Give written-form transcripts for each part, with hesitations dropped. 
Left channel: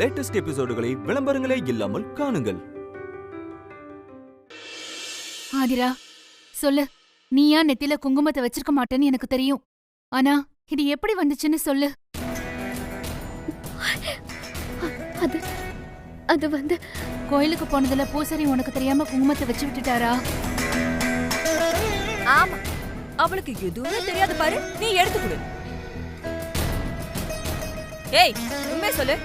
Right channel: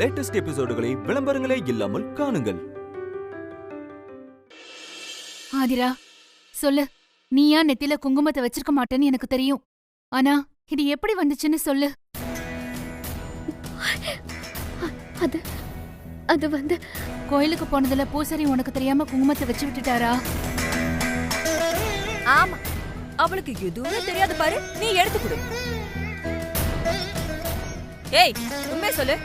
Latest எபிசோடுகளை விளம்பரங்களே இல்லாமல் காணுங்கள். ஆதிரா, சொல்லு. நீயா நெத்தில குங்குமத்தை வச்சிருக்க மாட்டேன்னு எனக்கு தெரியும். ஆனா இது எப்படி வந்துச்சுன்னு சொல்லு. அது வந்து கோயிலுக்கு போனதுல பூசாரி உனக்கு தெரியாம குங்குமத்தை வச்சு விட்டுட்டாரா? ஆமா, அவளுக்கு எதுவுமே தெரியாது பாரு. நீ எடுத்து கொடு. ஏய், உண்மை சொல்லு.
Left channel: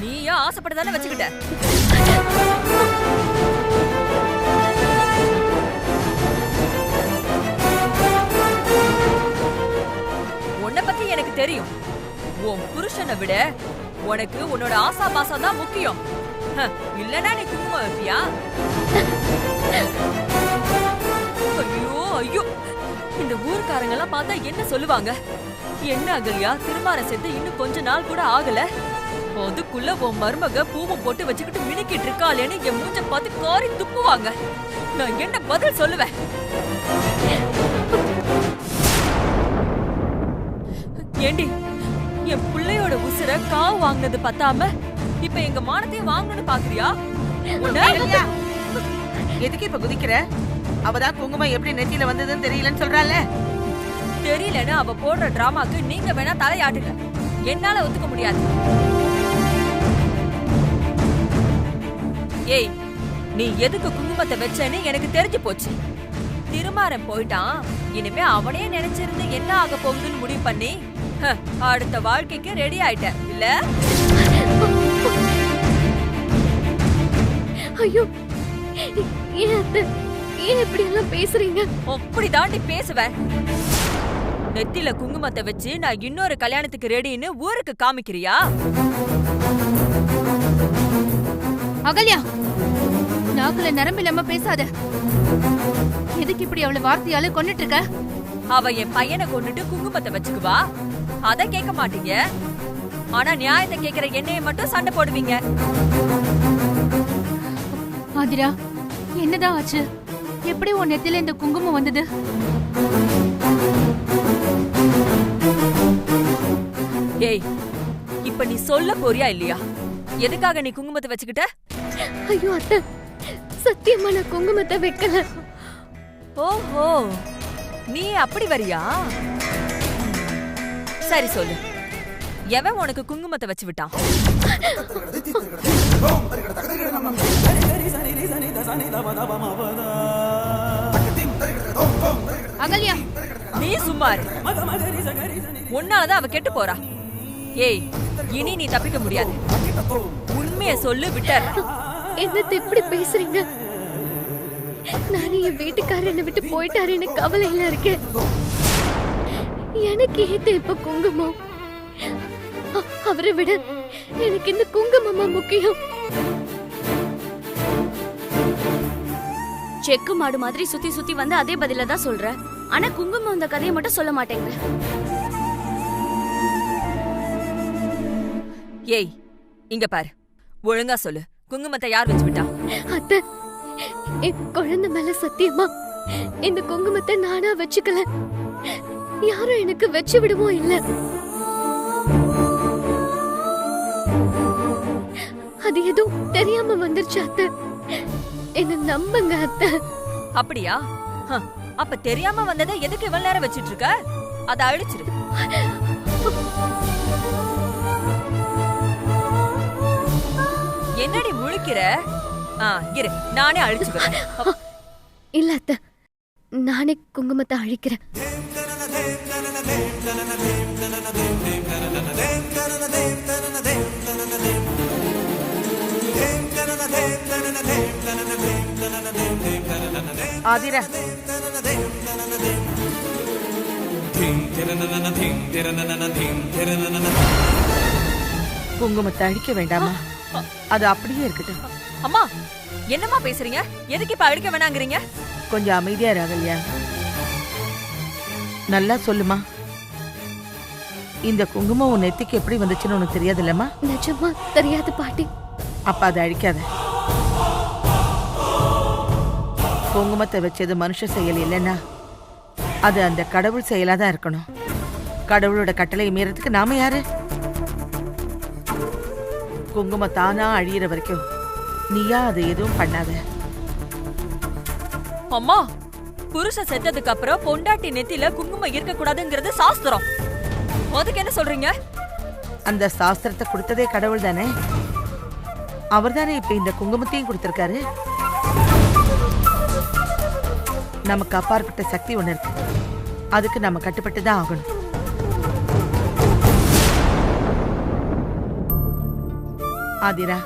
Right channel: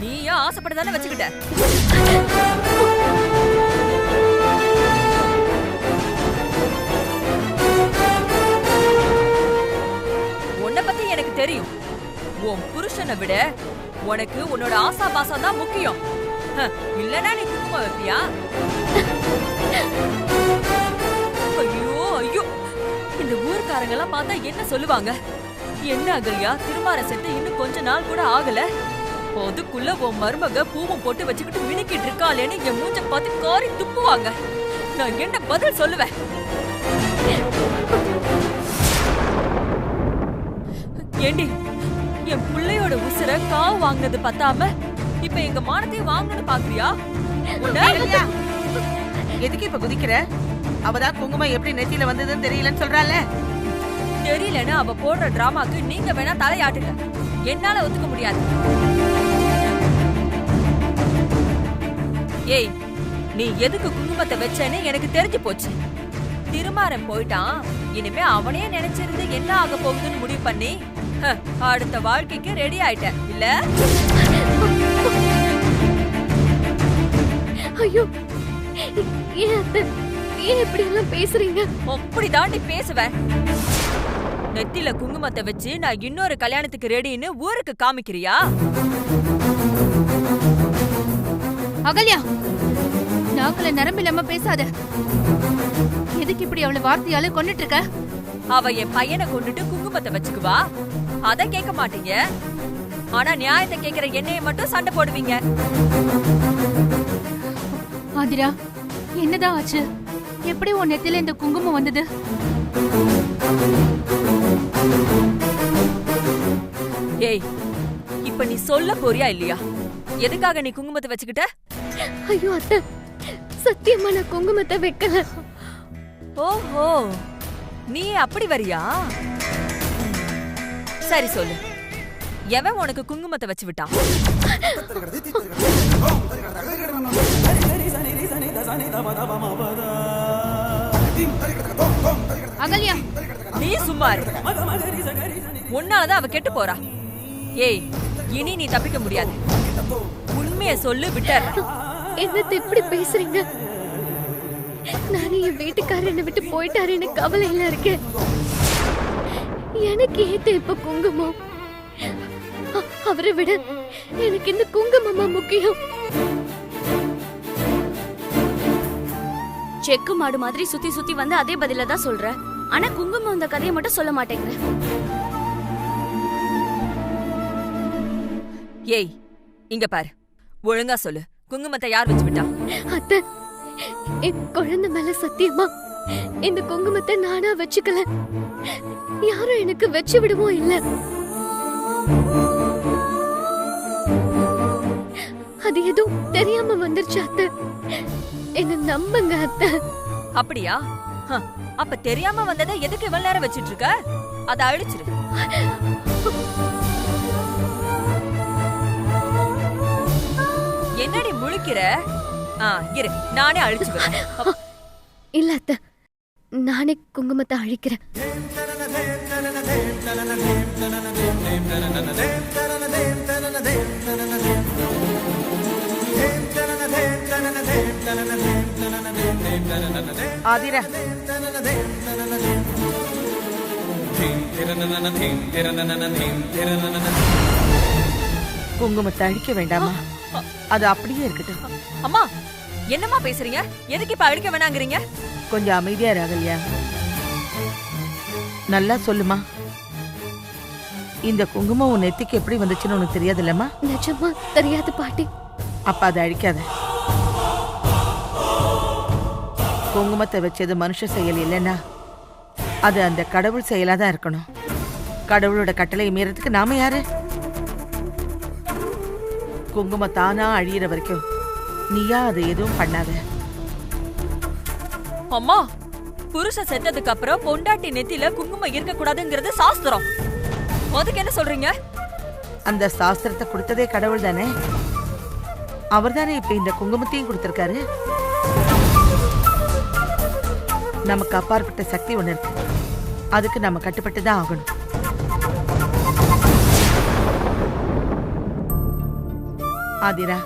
நீயா ஆசைப்பட்டதானே வச்சுக்கிட்ட? உன்னை பத்தி எனக்கு தெரியும். உன் புருஷனை விட உனக்கு உன்னோட ஆசா பாசம் தான் முக்கியம். இல்லனா நீ குங்குமம் வைப்பியா? ஐயோ ஐயோ, இந்த ஊர்க்காரங்க எல்லாம் பார்த்தா என்ன சொல்லுவாங்க? என்ன அகல்யா, திருமணம் செட்டு இன்னும் கொஞ்ச நாள் கூட ஆகல, அதுக்குள்ள உன் மருமக பூவும் போட்டு வச்சுக்கிட்டு மினுக்கிட்டு இருக்காளேன்னு என் மூஞ்ச பார்த்து காரி துப்புவாங்க. நான் என்ன பதில் சொல்லுவேன்? ஏண்டி, என் பிள்ளையோட உசுர காவு வாங்கினது பத்தாம இப்ப எங்க மானத்தையும் வாங்கணும்னு பாக்குறியா? எதுக்கு இப்ப குதிக்கிற? அவதான் குங்குமம் எப்படி நெத்தியில வந்ததுன்னு தெரியலன்னு சொல்றாள. தெரியலன்னு அவ போடுற டிராமாக்கு நீங்க வேணா தலையாட்டுங்க, என்னால ஒத்துக்க முடியாது. ஏய், நீ எதுக்கு குங்குமத்தை வச்சேன்னு எனக்கு தெரிஞ்சு போச்சு. திருமாறன் போயிட்டான், இனிமே அவனே நினைச்சிருந்து என்ன ஆக போகுதுன்னு முடிவு பண்ணி அடுத்த வாழ்க்கைக்கு ரெடி ஆயிட்ட இல்ல? ஐயோ, ஏன் இப்படி எல்லாம் பேசுறீங்க? அப்படி தாண்டி பேசுவேன். நெத்தில குங்குமத்தை வச்சு நான் இன்னொரு கல்யாணத்துக்கு ரெடின்னு ஊருக்கு காமிக்கிறியா? அகல்யா, நாக்குல நரம்பு இல்லாம பேசாத. எதுக்கு இப்படி அவளை வார்த்தையால கொன்னுட்டு இருக்க? அவ என் பையனை கொண்டுட்டு குங்குமத்தை வச்சுக்குவா, அத கேட்க மாட்டீங்க. ஆனா நியாயத்தை கேக்குற என்னைய மட்டும் சண்டை போடுவீங்க. ஆதிரா, என்னதான் ஆச்சு? எப்படி உன் நெத்தில இந்த குங்குமம் வந்தது? ஏய், இப்ப நீ சொல்ல போறியா இல்லையா? எதுக்காக நீ குங்குமத்தை வச்சுக்கிட்ட? ஐயோ அத்தை, சத்தியமா நான் குங்குமத்தை வைக்கல. ஓஹோ, நீ அப்படி வரியா? சரி சொல்லு, எவன் உனக்கு குங்குமத்தை வச்சு விட்டான்? அகல்யா, நீ சும்மாரு. உன்னாலதான் அவ கெட்டு போறா. ஏய், இனி நீ தப்பிக்க முடியாது. உண்மையை சொல்லு, விட்டற. என்னத்தை இப்படி பேசுறீங்க? நானே என் வீட்டுக்காரர் என்னை விட்டு போயிட்டாருன்னு கவலையில இருக்கேன். எனக்கு ஏத்த இப்ப குங்குமம். அவரை விட எனக்கு இந்த குங்குமமா முக்கியம். செக்கு மாடு மாதிரி சுத்தி சுத்தி வந்து அதே பதில தான் சொல்ற. ஆனா குங்குமம் இந்த கதையை மட்டும் சொல்ல மாட்டேங்கிற. ஏய், இங்க பாரு, ஒழுங்கா சொல்லு, குங்குமத்தை யார் வச்சு விட்டா? அத்தை, என் குழந்தை மேல சத்தியமா இந்த குங்குமத்தை நானா வச்சுக்கல. யாரும் எனக்கு வச்சு விடுவோம் இல்ல. அது எதுவும் தெரியாம வந்துருச்சு அத்தை. என்ன நம்புங்க அத்தை. அப்படியா? அப்ப தெரியாம வந்ததை எதுக்கு இவ்வளவு நேரம் வச்சிட்டு இருக்க? அத அழிச்சிரு. என்னடி முழிக்கிற? இரு, நானே அழிச்சுக்கிறேன். இல்ல அத்தை, நானே குங்குமத்தை அழிக்கிறேன். ஆதிரா, குங்குமத்தை அழிக்க வேண்டாமா? அது அப்படியே இருக்கட்டும். அம்மா, என்னம்மா பேசுறீங்க? எதுக்கு இப்ப அழிக்க வேணாங்கிறீங்க? கொஞ்சம் அமைதியா ராகல்யா. நல்லா சொல்லுமா, இந்த குங்குமம் உன் நெத்திக்கு எப்படி வந்துச்சுன்னு உனக்கு தெரியாதுல்லம்மா? நிஜமா தெரியாது பாட்டி. அப்ப அதை அழிக்காத. குங்குமத்தை வச்சது மனுஷ செயல் இல்லைன்னா அது அந்த கடவுள் செயலாதான் இருக்கணும். கடவுளோட கட்டளை மீறதுக்கு நாம யாரு? குங்குமம் தானா அழியிற வரைக்கும் நீயா அது எதுவும் பண்ணாத. அம்மா, புருஷன் செத்ததுக்கு அப்புறம் பொண்டாட்டி நெத்தில குங்குமம் இருக்க கூடாதுங்கிறது சாஸ்திரம். அதுக்கு என்ன சொல்றீங்க? அந்த சாஸ்திரத்தை கொடுத்ததே கடவுள் தானே. அவர் தானே இப்ப இந்த குங்குமத்தையும் கொடுத்திருக்காரு. நமக்கு அப்பாற்பட்ட சக்தி ஒண்ணு இருக்கு. அதுக்கு நம்ம கட்டுப்பட்டு தான் ஆகணும். ஆதிரா,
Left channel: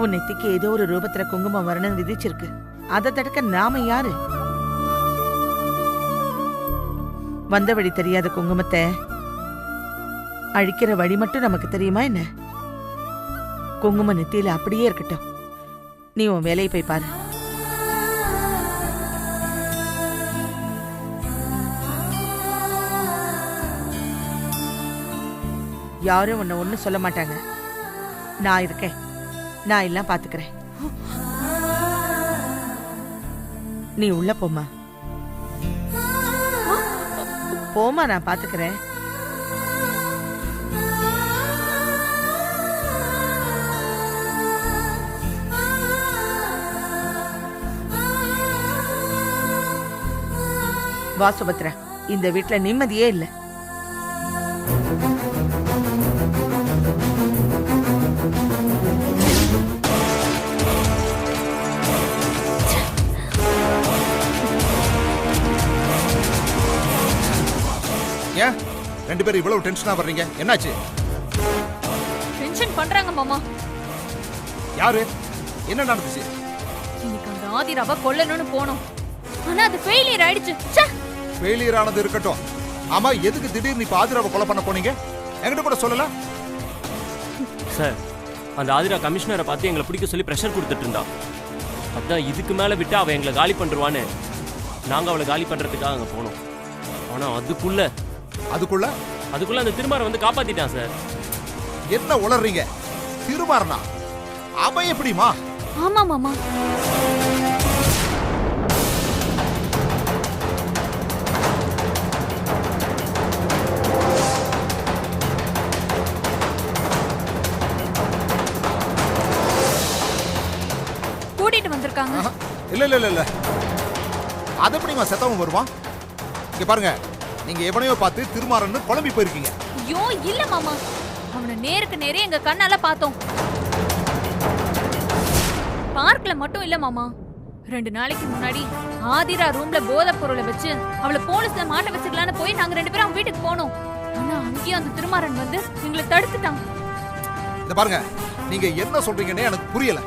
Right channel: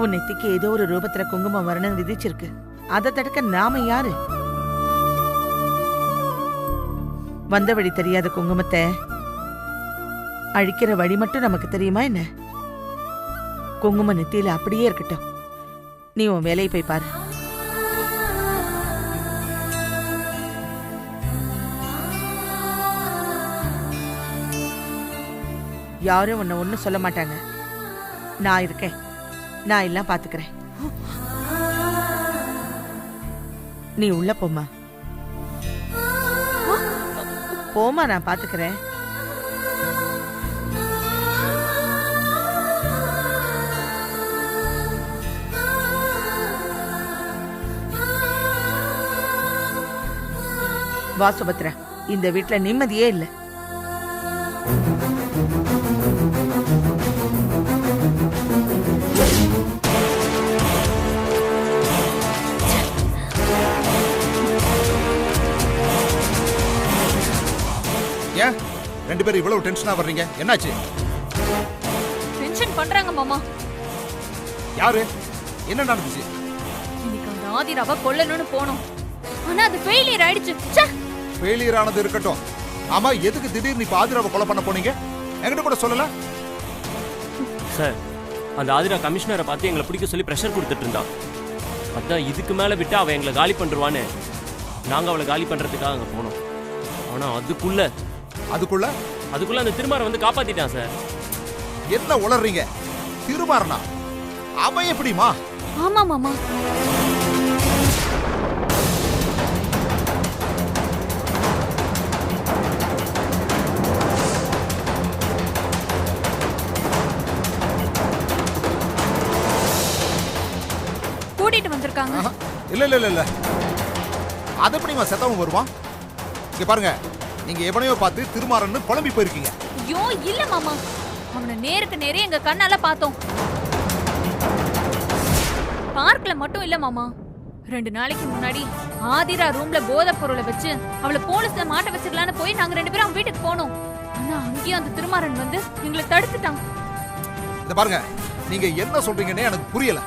உன் நெத்திக்கு ஏதோ ஒரு ரூபத்துல குங்குமம் வரணும்னு விதிச்சிருக்கு. அதை தடுக்க நாம யாரு? வந்த வழி தெரியாத குங்குமத்தை அழிக்கிற வழி மட்டும் நமக்கு தெரியுமா என்ன? குங்கும நெத்தியில அப்படியே இருக்கட்டும். நீ உன் வேலையை போய் பாரு. யாரும் உன்னை ஒன்னும் சொல்ல மாட்டாங்க. நான் இருக்கேன். நான் எல்லாம் பாத்துக்கிறேன். நீ உள்ள போமா. போமா, நான் பாத்துக்கிறேன். வா சுபத்ரா, இந்த வீட்ல நிம்மதியே இல்ல. ஏன் ரெண்டு பேரும் இவ்வளவு டென்ஷனா வர்றீங்க? என்னாச்சு? டென்ஷன் பண்றாங்க மாமா. யாரு? என்ன நடந்துச்சு? இன்னைக்கு அந்த ஆதிராவை கொல்லணும்னு போனோம். ஆனா அது ஃபெயிலியர் ஆயிடுச்சு. ஃபெயிலியர் ஆனது இருக்கட்டும். ஆமா, எதுக்கு திடீர்னு இப்ப ஆதிராவை கொலை பண்ண போனீங்க? என்கிட்ட கூட சொல்லல. சார், அந்த ஆதிரா கமிஷனரை பார்த்து எங்களை பிடிக்க சொல்லி ப்ரெஷர் கொடுத்துட்டு இருந்தா. அதான் இதுக்கு மேல விட்டா அவ எங்களை காலி பண்றான்னு நாங்க அவளை காலி பண்றதுக்காக அங்க போனோம். ஆனா அதுக்குள்ள அந்த திருமாரன் வந்து காப்பாத்திட்டான் சார். என்ன உளறீங்க? திருமாறனா? அவன் எப்படிமா? ஆமா மாமா. கூட்டிட்டு வந்திருக்காங்க. இல்ல இல்ல இல்ல, அது எப்படிமா செத்தவன் வருவான்? இங்க பாருங்க, நீங்க எவனையோ பார்த்து திருமாறன்னு குழம்பி போயிருக்கீங்க. ஐயோ இல்ல மாமா, அவனை நேருக்கு நேரே எங்க கண்ணால பார்த்தோம். பார்க்ல மட்டும் இல்ல மாமா, 2 நாளைக்கு முன்னாடி ஆதிரா ரூம்ல போதை பொருளை வச்சு அவளை போலீஸ்ல மாட்ட வச்சிடலான்னு போய் நாங்க 2 பேரும் அவன் வீட்டுக்கு போனோம். ஆனா அங்கேயும் அந்த திருமாறன் வந்து எங்களை தடுத்துட்டான். இத பாருங்க, நீங்க என்ன சொல்றீங்கன்னே எனக்கு புரியல.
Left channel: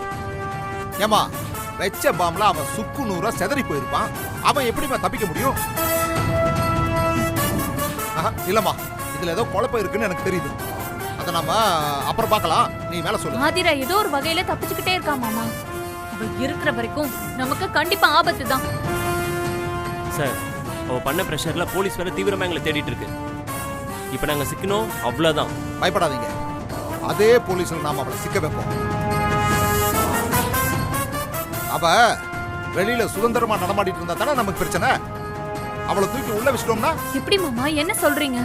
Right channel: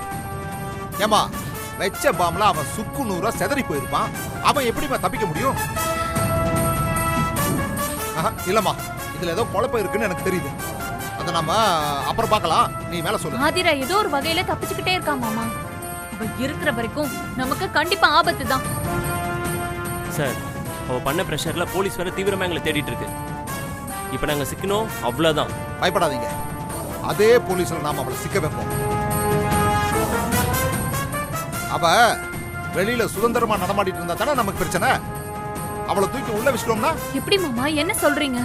ஏமா, வெச்ச பாம்ல அவன் சுக்கு நூறா செதறி போயிருப்பான். அவன் எப்படிமா தப்பிக்க முடியும்? இல்லம்மா, இதுல ஏதோ குழப்பம் இருக்குன்னு எனக்கு தெரியுது. அத நாம அப்புறம் பார்க்கலாம். நீ மேல சொல்லு. ஆதிரா ஏதோ ஒரு வகையில தப்பிச்சுக்கிட்டே இருக்கா மாமா. அவ இருக்கிற வரைக்கும் நமக்கு கண்டிப்பா ஆபத்து தான். சார், அவ பண்ண பிரஷர்ல போலீஸ் வேற தீவிரமா எங்களை தேடிட்டு இருக்கு. இப்ப நாங்க சிக்கணும், அவ்வளவுதான். பயப்படாதீங்க, அதே போலீஸ்ல நாம அவளை சிக்க வைப்போம். அவ வெளியில சுதந்திரமா நடமாடிட்டு இருந்தா தானே நமக்கு பிரச்சனை. அவளை தூக்கி உள்ள வச்சிட்டோம்னா எப்படி மாமா? என்ன சொல்றீங்க?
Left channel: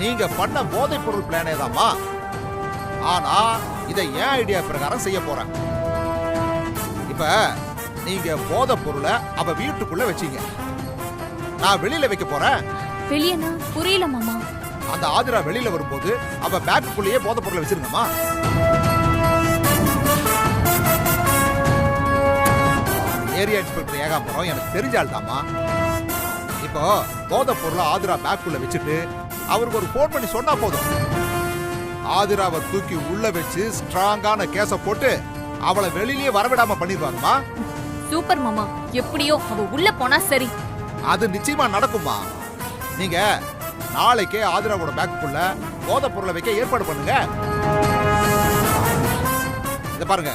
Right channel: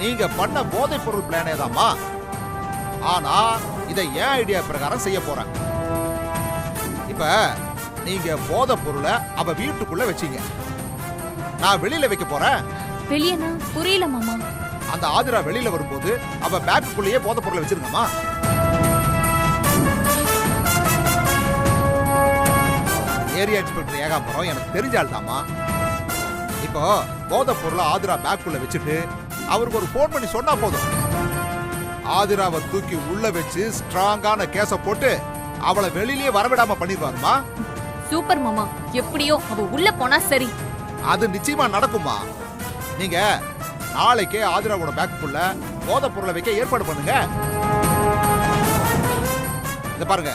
நீங்க பண்ண போதை பொருள் பிளானே தான்மா. ஆனா இதை ஏன் ஐடியா பிரகாரம் செய்ய போறேன். இப்ப நீங்க போதை பொருளை அவ வீட்டுக்குள்ள வச்சீங்க, நான் வெளியில வைக்க போறேன். வெளியனா? புரியல மாமா. அந்த ஆதிரா வெளியில வரும்போது அவ பேக்குக்குள்ளேயே போதை பொருளை வச்சிருங்கம்மா. ஏரியா இன்ஸ்பெக்டர் ஏகாம்பரம் எனக்கு தெரிஞ்சால் தாமா. இப்போ போதை பொருளை ஆதிரா பேக்குள்ள வச்சுட்டு அவருக்கு ஒரு போன் பண்ணி சொன்னா போதும். ஆதிராவை தூக்கி உள்ள வச்சு ஸ்ட்ராங்கான கேஸ போட்டு அவளை வெளியிலேயே வரவிடாம பண்ணிடுவாங்கம்மா. சூப்பர் மாமா, எப்படியோ அவ உள்ள போனா சரி. அது நிச்சயமா நடக்குமா. நீங்க நாளைக்கே ஆதிராவோட பேக்குக்குள்ள போதை பொருளை வைக்க ஏற்பாடு பண்ணுங்க. இத பாருங்க,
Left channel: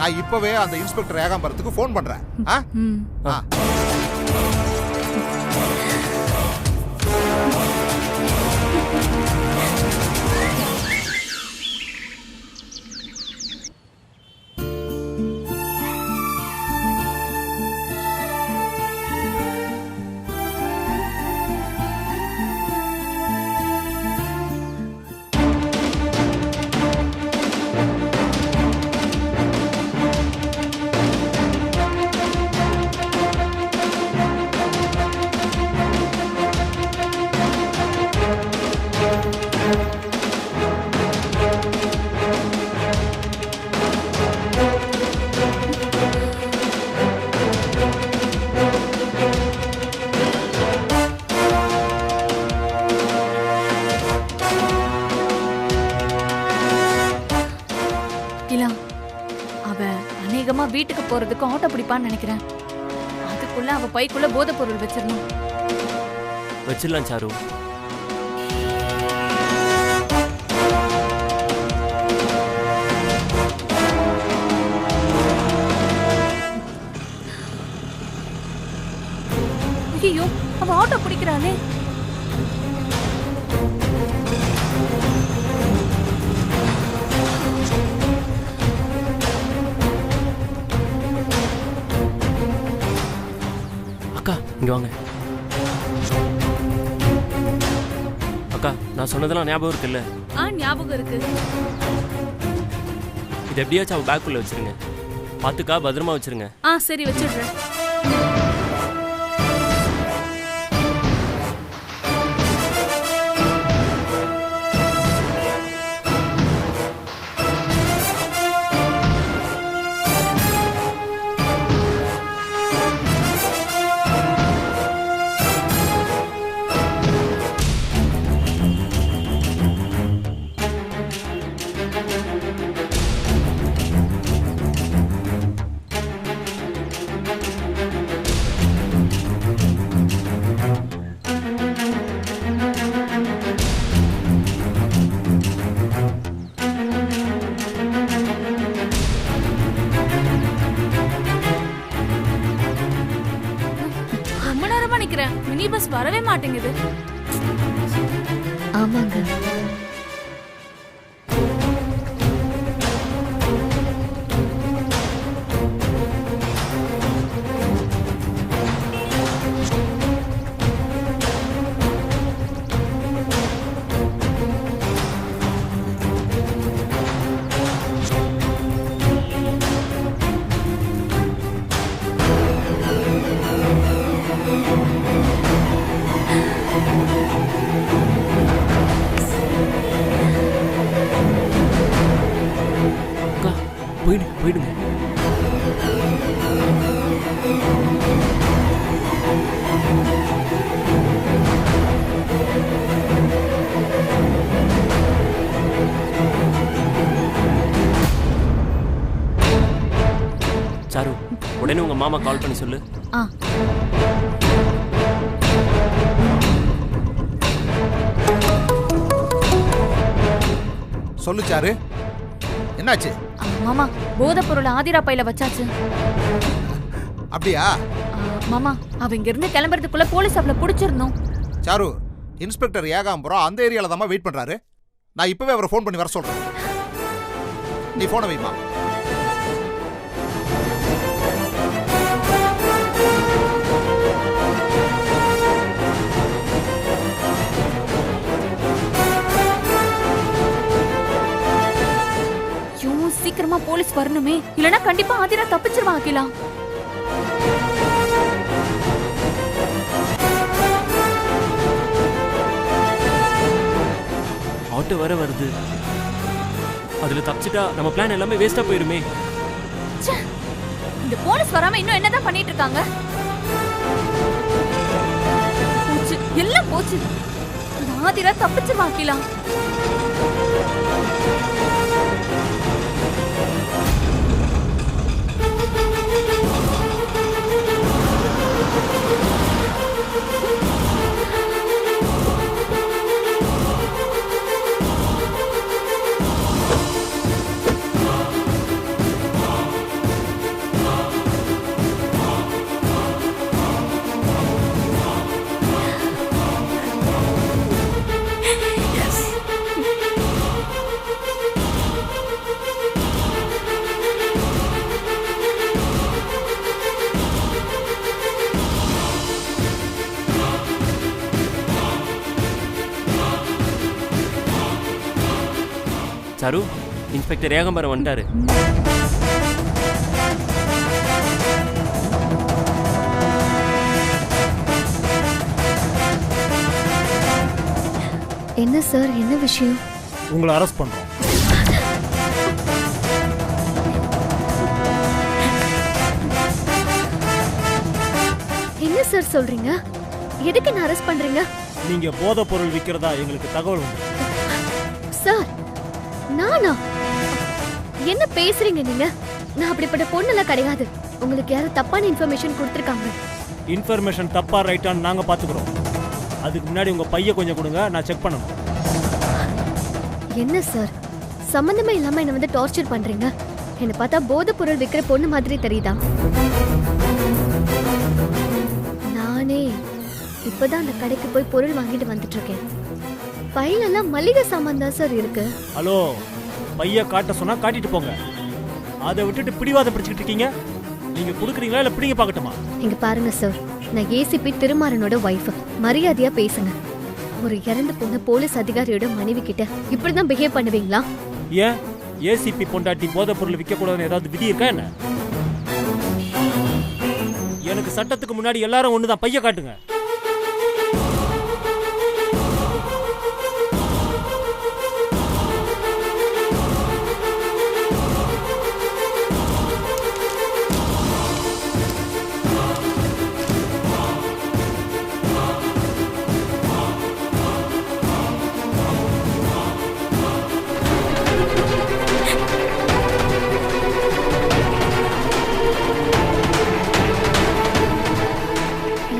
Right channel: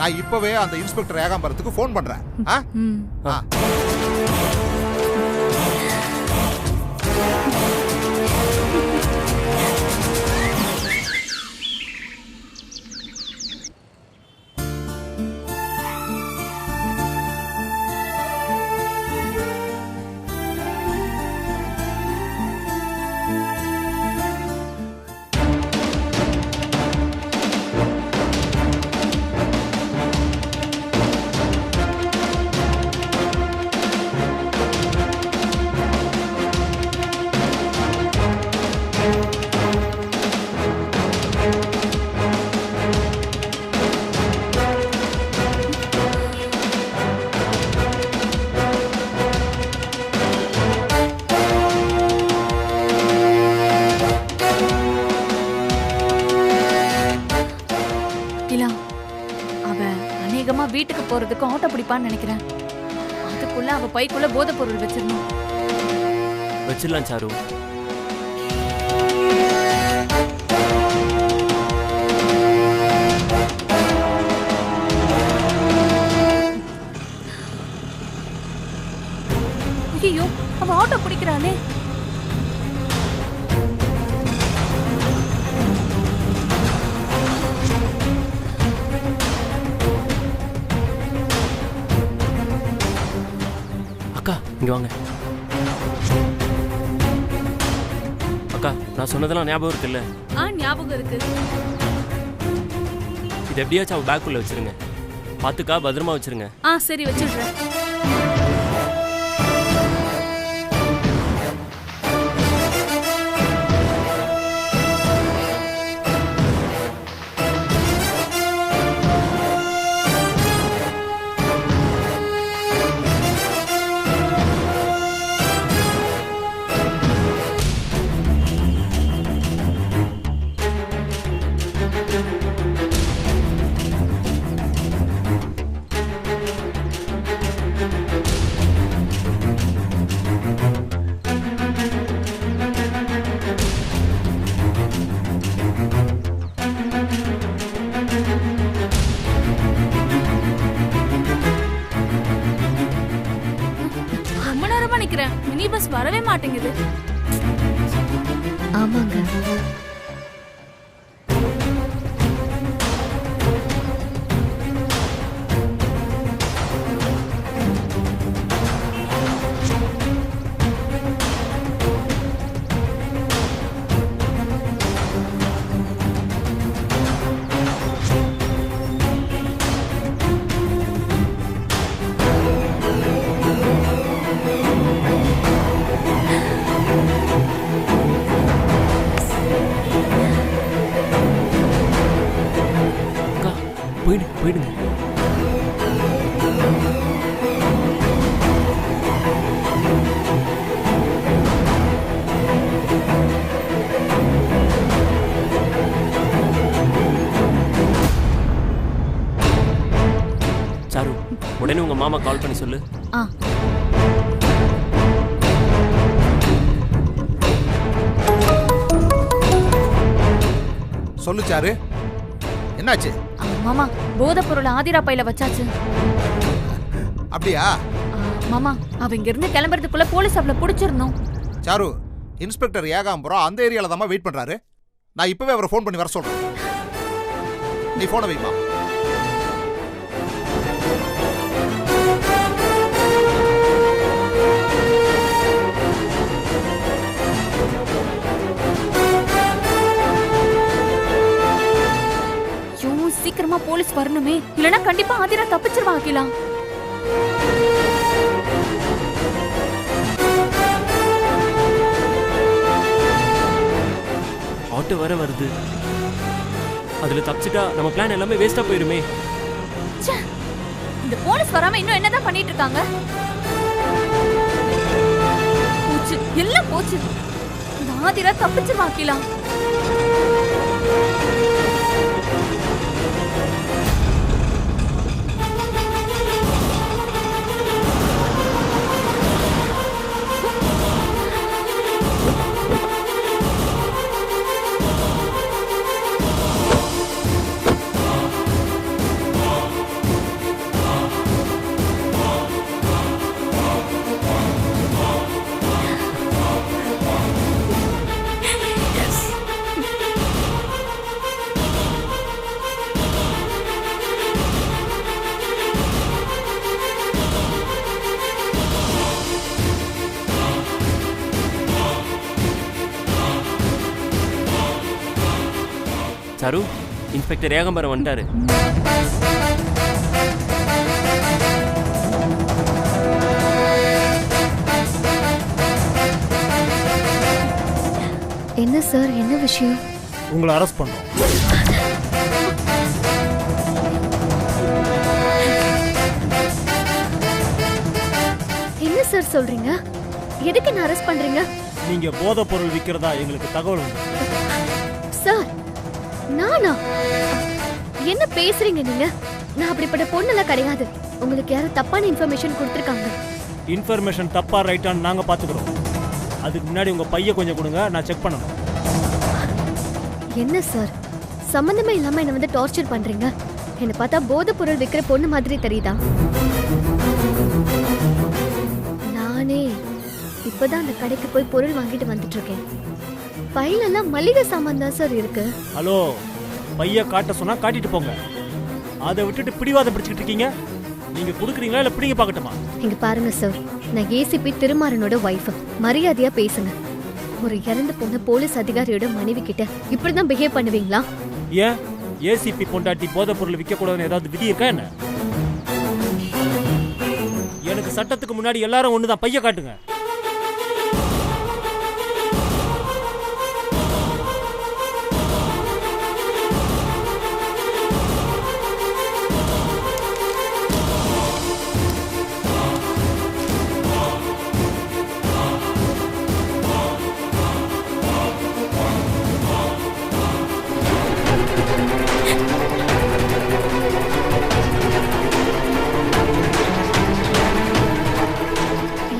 நான் இப்பவே அந்த இன்ஸ்பெக்டர் ஏகாம்பரத்துக்கு போன் பண்றேன். அகிலா, அவ அநேகமா வீட்டுக்கு போறதுக்கு ஆட்டோ பிடிப்பான்னு நினைக்கிறேன். அதுக்குள்ள அவ பைக்குள்ள போதைப் பொருள் வச்சிடணும். வச்சிடலாம் சாரு. ஐயோ, அவ ஆட்டோ பிடிக்கிறாளே. அக்கா இங்க வாங்க. அக்கா நான் சொன்னதெல்லாம் ஞாபகம் இருக்குல்ல? ஞாபகம் இருக்கு. இது எப்படியாச்சும் அவ பேக்குள்ள வச்சிருங்க. பாத்துக்கா, பத்திரமா வச்சிருங்க. சரி வச்சிடுறேன். ரொம்ப நேரமா நிக்கிறேன், மினி பஸ் வரவே மாட்டேங்குது. ஆமாங்க. அக்கா போயிடுங்க. சாரு, உடனே உங்க மாமா கால் பண்ணி சொல்லு. சொல்லு சாரு, என்னாச்சு? மாமா, போதைப் பொருள் ஆதிரா பையில வச்சாச்சு. அப்படியா? மாமா, அவ இங்க இருந்து கிளம்புறதுக்குள்ள போலீஸ் அவளை புடிச்சிரணும். சாரு, இன்ஸ்பெக்டர் ஏகாம்பரம் அந்த ஏரியால தான் வெயிட் பண்றாரு. நான் இப்பவே அவரை ஃபோன் பண்ணி வர சொல்றேன். நீ போனை வைமா. சீக்கிரமா போலீஸ் வரணுமே, இல்லனா கண்டிப்பா ஆதிரா தப்பிச்சிருவா. அகிலா, ஆட்டோ வர வருது. அதுல தப்பிச்சிட்டா நம்ம பிளான் எல்லாமே வேஸ்டா போயிருமே. இந்த போலீஸ் வராம இன்னும் என்னதான் பண்ணிட்டு இருக்காங்க? போச்சு, எல்லாம் போச்சு. இந்த ஆதிரா தப்பிச்சிருவா. அகிலா, சாரு, இன்ஸ்பெக்டர் ஏகாம்பரம் வந்துட்டாரு. என்ன சார், என்ன விஷயம்? உங்களை அரெஸ்ட் பண்றோம். என்ன சார் சொல்றீங்க? எதுக்கு என்ன அரெஸ்ட் பண்றீங்க? நீங்க போதைப் பொருள் விக்கிறதா எங்களுக்கு தகவல் வந்து. சார், நானா? என்ன பேசுறீங்க நீங்க? நான் அப்படிப்பட்ட பொண்ணுலாம் கிடையாது. உங்களுக்கு யாரும் தப்பான இன்ஃபர்மேஷன் கொடுத்துருக்காங்க. இன்ஃபர்மேஷன் தப்பா ரைட்டான்னு நாங்க பாத்துக்கிறோம். அதுக்கு முன்னாடி உங்க பைய கொஞ்சம் கொடுங்க, நான் செக் பண்ணணும். என்ன சார், சம்பந்தமே இல்லாம என்ன வந்து டார்ச்சர் பண்றீங்க? என்ன பார்த்தா போதை பொருள் விக்கிற பொண்ணு மாதிரி தெரியுதா? நானே இப்பதான் அந்த கடைக்கு போய் பொருள் வாங்கிட்டு வந்துட்டு இருக்கேன். பையில எல்லாம் மளிகை சாமான் தான் சார் இருக்கு. ஹலோ, பைய காட்ட சொன்னா காட்டிட்டு போங்க. அதை விட்டுட்டு பிடிவாதம் பிடிச்சிட்டு இருக்கீங்க. நீங்க குடுக்குறீங்களா இல்ல பிடிங்க பார்க்கட்டுமா? இங்க பாருங்க சார், நான் ஏசிபி திருமாறனோட வைஃப். மரியாதையா பேசுங்க. ஒரு இறந்து போன போலீஸ் அதிகாரியோட மனைவி கிட்ட இப்படிதான் பிஹேவ் பண்ணுவீங்களா? ஏன் ஏசிபி பொண்டாட்டி போதை பொருள் விற்க கூடாதுன்னு ஏதாவது விதி இருக்கா என்ன? எனக்கு சட்டத்துக்கு முன்னாடி எல்லாரும் ஒண்ணுதான். பைய காட்டுங்க.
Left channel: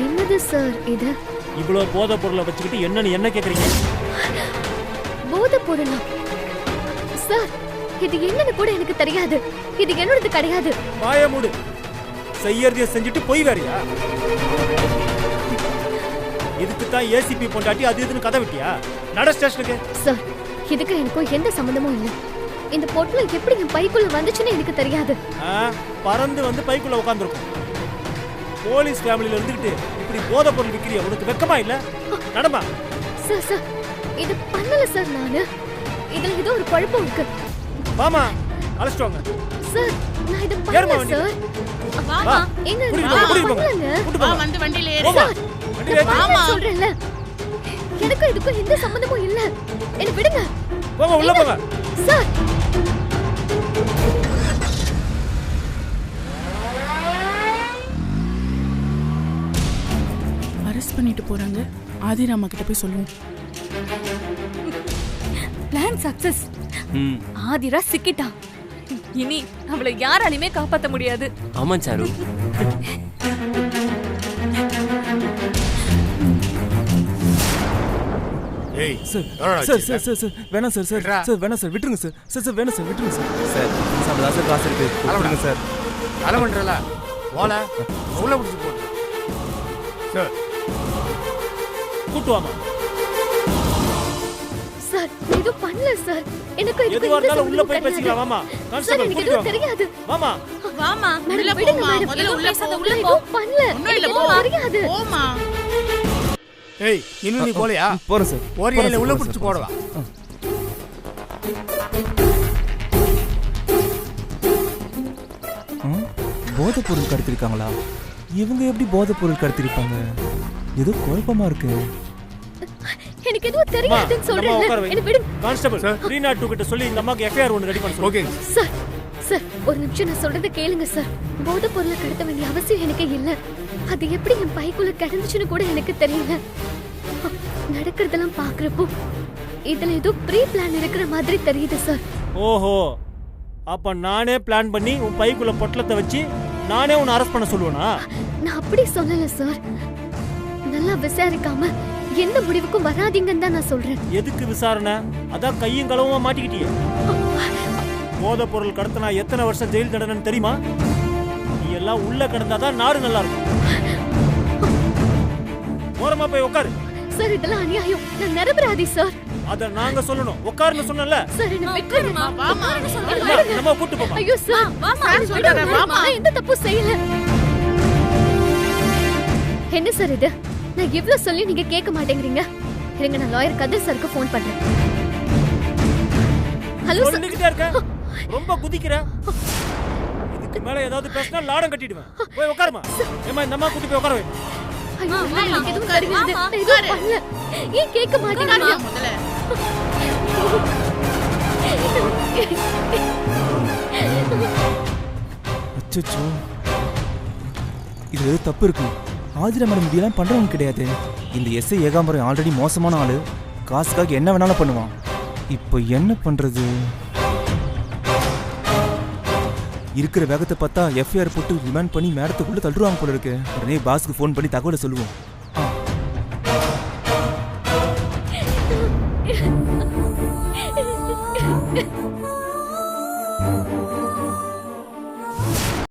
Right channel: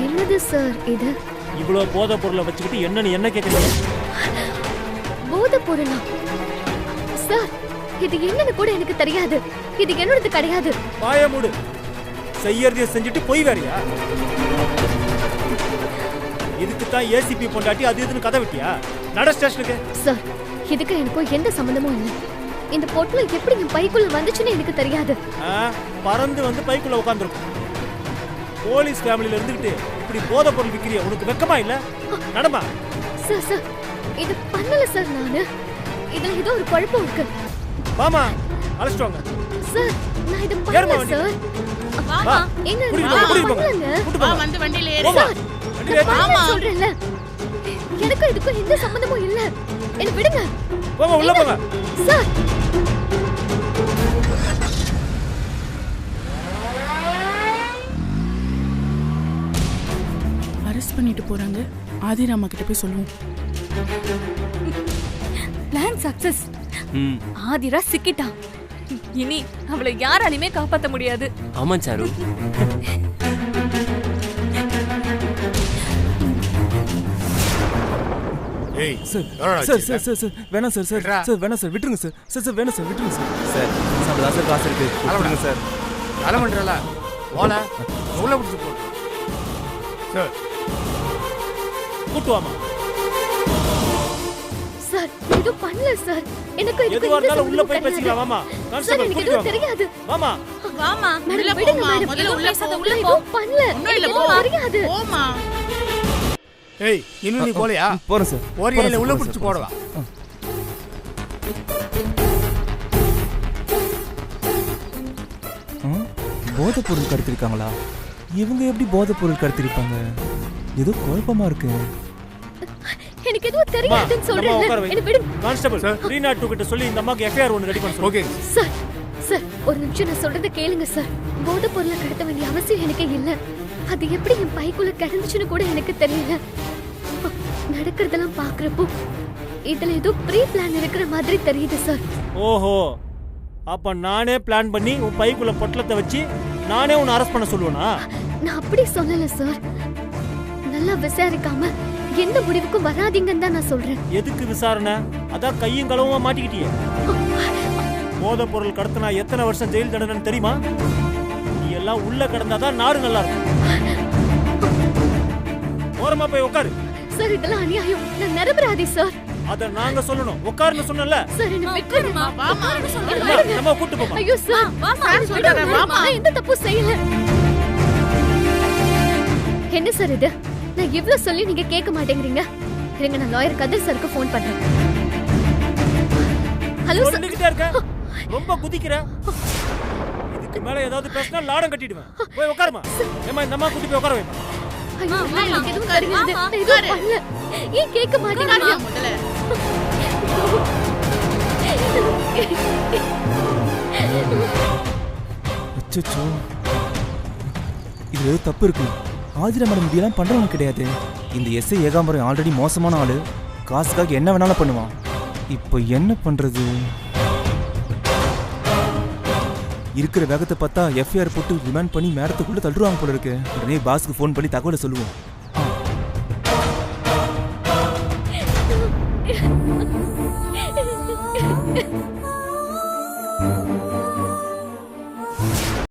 என்னது சார் இது? இவ்வளவு போதை பொருளை வச்சுக்கிட்டு என்னன்னு என்ன கேக்குறீங்க? போதை பொருளா? சார், இது என்னன்னு கூட எனக்கு தெரியாது. இது என்னோடது கிடையாது. வாய மூடு. செய்யறதைய செஞ்சுட்டு போய் வேறியா? இதுக்கு தான் ஏசிபி பொண்டாட்டி அது இதுன்னு கதை விட்டியா? நட ஸ்டேஷனுக்கு. சார், இதுக்கு எனக்கும் எந்த சம்பந்தமும் இல்லை. இந்த பொட்டல எப்படி என் பைக்குள்ள வந்துச்சுன்னு எனக்கு தெரியாது. பறந்து வந்து பைக்குள்ள உட்கார்ந்துருக்கும். போலீஸ் ஃபேமிலில இருந்துகிட்டு இப்படி போதை பொருள் விக்கிறியா? உனக்கு வெக்கமா இல்ல? நடமா. சார் சார், இது பண்ணல சார் நானு. இதுல ஏதோ ஒரு குழப்பம் இருக்கு. வாமா, அழைச்சிட்டு வாங்க. சார், நான் இது பண்ணல சார். வா. எங்க கூட்டி போங்க. வந்து வண்டியில ஏறு. சார், வண்டியில ஏறு சொல்றேன்ல. எனக்கு இதுக்கு எந்த சம்பந்தமும் இல்ல. என்ன விடுங்க. போங்க, உள்ள போங்க. சார், அரெஸ்ட் பண்ணிட்டு போறாங்க. ஆதிராமா கிட்ட போய் சொல்லுவோம். Plan success. ஆதிரா சிக்கிட்டா. இனி அவளை யாராலையுமே காப்பாத்த முடியாது. ஆமா சாரு. ஏய் sir sir sir sir sir வேணாம் சார் சார் சார் வேணாம் சார் விட்டுருங்க சார் சார் சார் வேணாம் சார் விட்டுருங்க சார் சார் சார் சார் காசு இருக்கு விட்டுருங்க சார். அலமன்றல ஓல உள்ள பிடிச்சு போட்டு சார் கூட்டு வாமா. சார், இது பண்ணல சார். எனக்கு இதுக்கு எதுவா இருந்தாலும் உள்ள போய் பேசிக்கலாம். வாமா, கான்ஸ்டபிள் கூட்டி வாங்க. தெரியாது. வாமா வாமா, உள்ள போமா. முதல்ல உள்ள போ. உள்ள போ. பண்ணல. ஒண்ணும் இல்ல, போ. தெரியாது. போமா. ஏய், இன்னும் நீ போலையா? போறேன் சார். ஓரியால உள்ள பிடிச்சு போடுவா. போதை பொருள் கடத்திருக்காங்களா? இவங்க எப்படி போதை பொருள் கடத்திருப்பாங்க? ஏதோ குழப்பமா இருக்கு. எனக்கு எதுவும் தெரியாதுன்னு சொல்றேன். என்ன விடுங்க. கான்ஸ்டபிள் 302 கிட்ட சொல்லி இந்த அம்மாக்கு எஃப்ஐஆர் ஒன்னு ரெடி பண்ண சொல்லுங்க. Okay sir. சார், ஒரு நிமிஷம் நான் சொல்றத கேளுங்க சார். போதை பொருளை கடத்த வேண்டிய அவசியம் எனக்கு இல்ல. அது எப்படி என் பைக்குள்ள கிடந்துச்சுன்னு கூட எனக்கு தெரியல. நடக்கிறதெல்லாம் பாக்குறப்போ இதுல ஏதோ ப்ரீ பிளான் இருக்கிற மாதிரி தெரியுது சார். ஓஹோ, அப்ப நானே பிளான் பண்ணி உன் பைக்குள்ள பொட்டலத்தை வச்சு நானே உன்னை அரெஸ்ட் பண்ண சொல்லுவேனா? நான் அப்படி சொல்லல சார். நல்லா விசாரிக்காம எந்த முடிவுக்கும் வராதீங்கன்னு தான் நான் சொல்றேன். எதுக்கு விசாரணை? அதான் கையும் களவுமா மாட்டிக்கிட்டியே. போதை பொருள் கடத்தினா எத்தனை வருஷம் ஜெயில் தண்டனைன்னு தெரியுமா? நீ எல்லாம் உள்ள கடந்தாதான் நாடு நல்லா இருக்கும். ஓரமா போய் உட்காரு. சார், இதெல்லாம் அநியாயம். நான் நிரபராதி சார். அத நாங்க சொல்லணும். உட்காருன்னு சொன்னல. சார், என்ன விட்டுருமா. வாமா. நம்ம கூட்டி போமா. ஐயோ சார், சார் சொல்றாரு. வாமா. நான் எந்த தப்பும் செய்யல. என்ன சார் இது? நான் இவ்வளவு சொல்லி நீங்க கேட்க மாட்டேங்கிறீங்க. இருங்க, நான் லாயர் கதிர் சாருக்கு ஃபோன் பண்றேன். Hello sir. சொல்லிக்கிட்டே இருக்க. ரொம்ப குதிக்கிற. இதுக்கு மேல ஏதாவது பேசினா லாடம் கட்டிடுவேன். போய் உட்காருமா. ஏமா இந்த அம்மா கூட்டி போய் உட்கார வைமா. ஐயோ, எனக்கு எதுவும் தெரியாது. நான் எதுவும் பண்ணல. ஏன் கேட்க மாட்டேங்கிறீங்க? முதல்ல அச்சச்சோ, இது ஏதோ தப்பு இருக்கு. ஆதிரா மேடம் இப்படியெல்லாம் பண்றவங்க கிடையாது. இந்த எஸ்ஐ ஏகாம்பரம் ஆல்ரெடி மோசமான ஆளு. காசுக்காக என்ன வேணாலும் பண்ணுவான். இப்போ என்ன பண்றது? இருக்கிற வேகத்தை பார்த்தா எஃப்ஐஆர் போட்டு ரிமாண்ட் பண்ணி மேடத்துக்குள்ள தள்ளுவாங்க போல இருக்கு. உடனே பாஸ்க்கு ஃபோன் பண்ணி தகவலை சொல்லுவோம்.